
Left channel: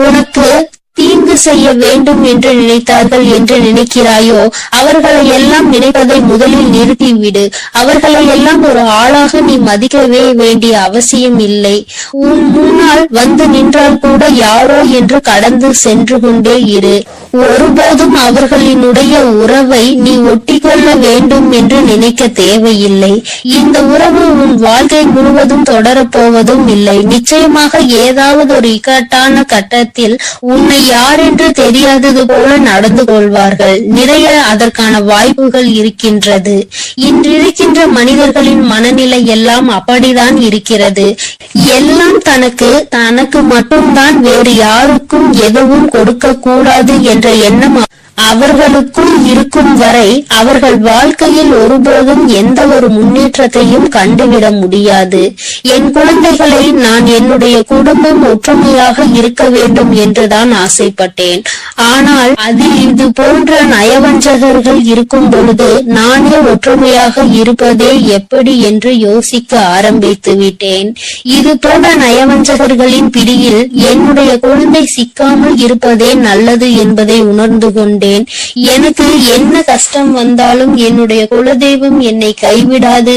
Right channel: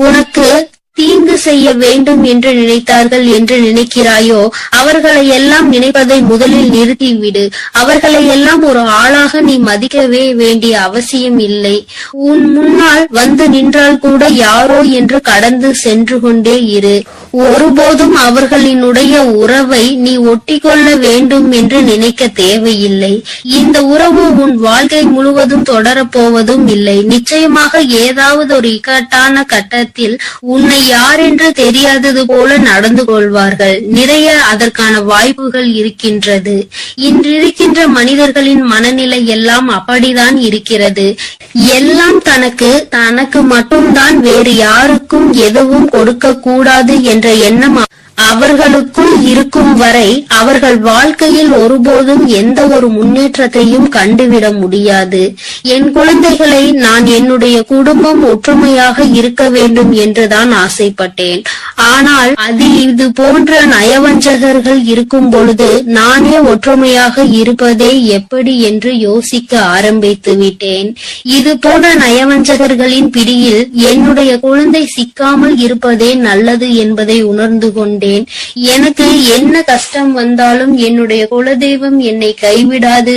உனக்கு தீங்கு செய்ய வேண்டும் என்று நினைத்தார்கள் என்று நினைக்கிறாயோ, அவர்களை எல்லாம் நினைப்பதை முதலில் நிறுத்திவிடு. அவர்களை எல்லாம் ஒரு ஆளாக நீ மதிக்கவே வேண்டிய அவசியம் இல்லை. உன் முன்னால் வந்து நின்றால் கூட யாரோ என்று கடந்து சென்று கொண்டே இரு. ஒருபோதும் அவர்களினுடைய உறவை நீ ஒட்டிக்கொள்ள வேண்டும் என்று நினைக்க தேவையில்லை. இந்த உறவு உன் வாழ்க்கை முழுவதும் தொடரப்போவதும் இல்லை. நிச்சயமாக ஏதாவது ஒரு இக்கட்டான கட்டத்தில் உன்னை யார் என்று தெரியாதது போல நடந்து கொள்வார்கள். நிறைய அதற்கான வாய்ப்புகள் இருக்கின்றது. இன்றிருக்கின்ற மனிதர்களின் மனநிலை எல்லாம் அப்படிதான் இருக்கிறது. எல்லாம் தனக்கு மட்டும்தான், வேறு யாருக்கும் எதுவும் கொடுக்க கூடாது என்ற எண்ணம் அவர்களுக்குள் இருக்கும் வரை அவர்கள் வாழ்க்கையில் ஒருபோதும் எந்த ஒரு முன்னேற்றத்தையும் கண்டுவிட முடியாது. என் குழந்தைகளை, நான் என்னுடைய குடும்பம் ஒற்றுமையாக இருக்க வேண்டும் என்றுதான் ஆசைப்பட்டேன். ஆனால் அதில் இது போன்ற நயவஞ்சகர்கள் இருக்கும் பொழுது நானே ஒற்றுமையாக இருப்பதே எப்படி என்று யோசிக்க ஆரம்பித்து விட்டேன். இது போன்ற நயவஞ்சகர்களின் பிடியில் என்னுடைய குழந்தை சிக்காமல் இருப்பதே நல்லது என்பதை உணர்ந்து கொண்டேன். எனக்கு என்ன கஷ்டம் வந்தாலும் என்னுடைய குலதெய்வம் என்னை கைவிடாது,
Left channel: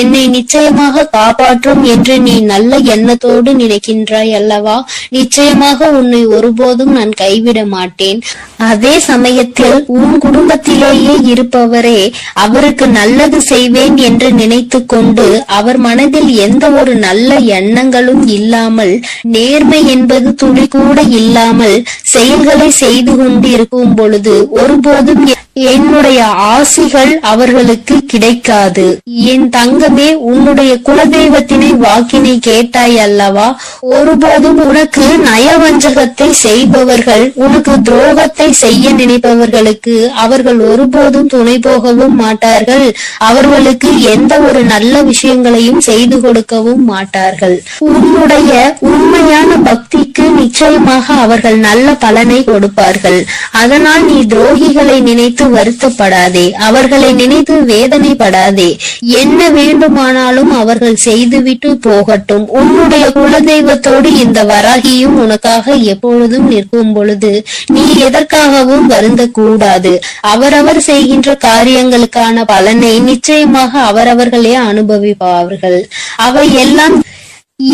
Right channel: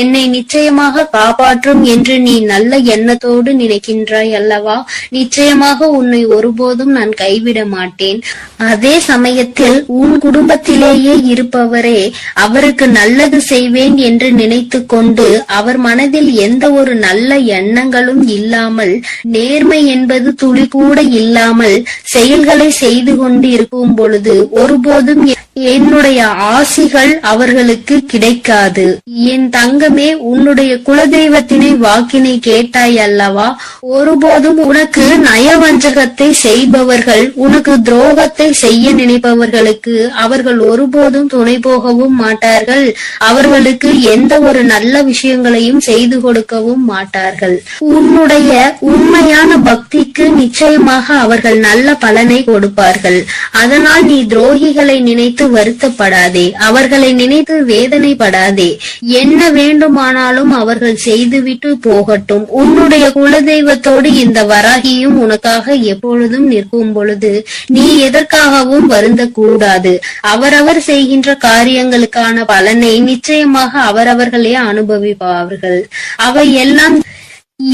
என்னை நிச்சயமாக காப்பாற்றும் என்று நீ நல்ல எண்ணத்தோடு நினைக்கின்றாய் அல்லவா? நிச்சயமாக உன்னை ஒருபோதும் நான் கைவிட மாட்டேன். அதே சமயத்தில் உன் குடும்பத்திலேயே இருப்பவரே அவருக்கு நல்லது செய்வேன் என்று நினைத்து கொண்டு அவர் மனதில் எந்த ஒரு நல்ல எண்ணங்களும் இல்லாமல், நேர்மை என்பது துளி கூட இல்லாமல் செயல்களை செய்து கொண்டு இருக்கும் பொழுது ஒருபோதும் என்னுடைய ஆசிகள் அவர்களுக்கு கிடைக்காது. என் தங்கமே, உன்னுடைய குலதெய்வத்தினை வாக்கினை கேட்டாய் அல்லவா? ஒருபோதும் உனக்கு நயவஞ்சகத்தை செய்பவர்கள், உனக்கு துரோகத்தை செய்ய நினைப்பவர்களுக்கு அவர்கள் ஒருபோதும் துணை போகவும் மாட்டார்கள். அவர்களுக்கு எந்த ஒரு நல்ல விஷயங்களையும் செய்து கொடுக்கவும் மாட்டார்கள். உன்னுடைய உண்மையான பக்திக்கு நிச்சயமாக அவர்கள் நல்ல பலனை கொடுப்பார்கள். அதனால் நீ துரோகிகளை நினைத்து வருத்தப்படாதே, அவர்களை நினைத்து வேதனைப்படாதே. என்ன வேண்டுமானாலும் அவர்கள் செய்துவிட்டு போகட்டும். உன்னுடைய குலதெய்வத்தோடு இந்த வராகியும் உனக்காக எப்பொழுதும் நிற்கும் பொழுது நீ எதற்காகவும் வருந்த கூடாது. அவரவர் செய்கின்ற காரியங்களுக்கான பலனை நிச்சயமாக அவரவர்களே அனுபவிப்பார்கள். அவை எல்லாம்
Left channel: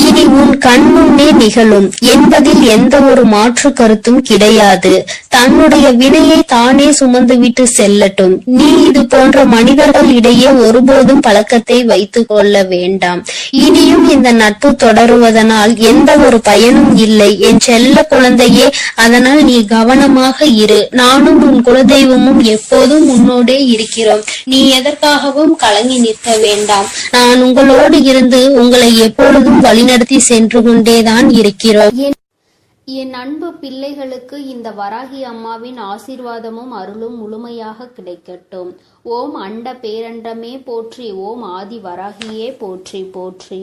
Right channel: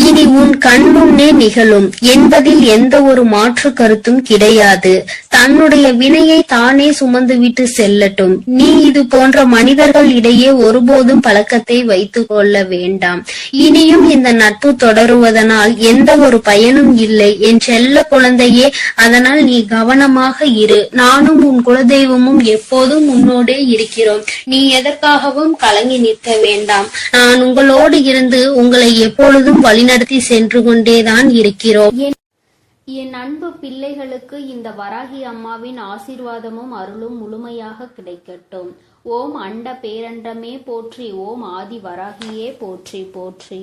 இனி உன் கண்முன்னே நிகழும் என்பதில் எந்த ஒரு மாற்று கருத்தும் கிடையாது. தன்னுடைய வினையை தானே சுமந்துவிட்டு செல்லட்டும். நீ இது போன்ற மனிதர்கள் இடையே ஒருபோதும் பழக்கத்தை வைத்துக் கொள்ள வேண்டாம். இனியும் இந்த நட்பு தொடருவதனால் எந்த ஒரு பயனும் இல்லை என் செல்ல குழந்தையே. அதனால் நீ கவனமாக இரு. நானும் உன் குலதெய்வமும் எப்போதும் உன்னோடே இருக்கிறோம். நீ எதற்காகவும் கலங்கி நிற்க வேண்டாம். நான் உங்களோடு இருந்து உங்களை எப்பொழுதும் வழிநடத்தி சென்று கொண்டேதான் இருக்கிறோம். என் அன்பு பிள்ளைகளுக்கு இந்த வராகி அம்மாவின் ஆசீர்வாதமும் அருளும் முழுமையாக கிடைக்கட்டும். ஓம் அண்ட பேரண்டமே போற்றி, ஓம் ஆதி வராகியே போற்றி போற்றி.